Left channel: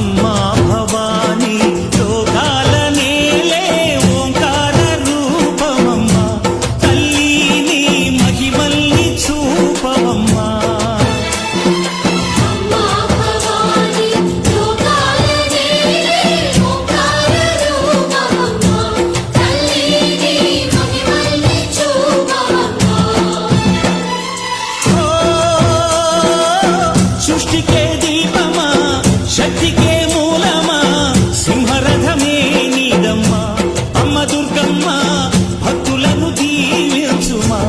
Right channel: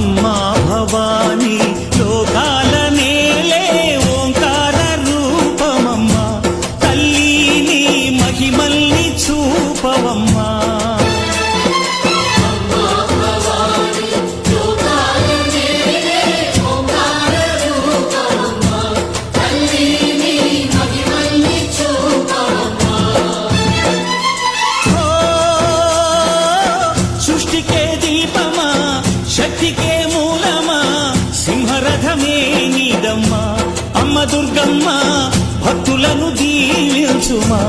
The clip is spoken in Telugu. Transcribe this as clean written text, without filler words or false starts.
అమ్మా భవానీ లోకాల నేలే ఓంకార రూపమమ్మా తల్లి నీ మహిమల్ని చూపవమ్మా సృష్టికే దీపమా శక్తికే మూలమా సింహరథమే నీదమ్మా అమ్మ దుర్గమ్మ భక్తులను దీవించుమా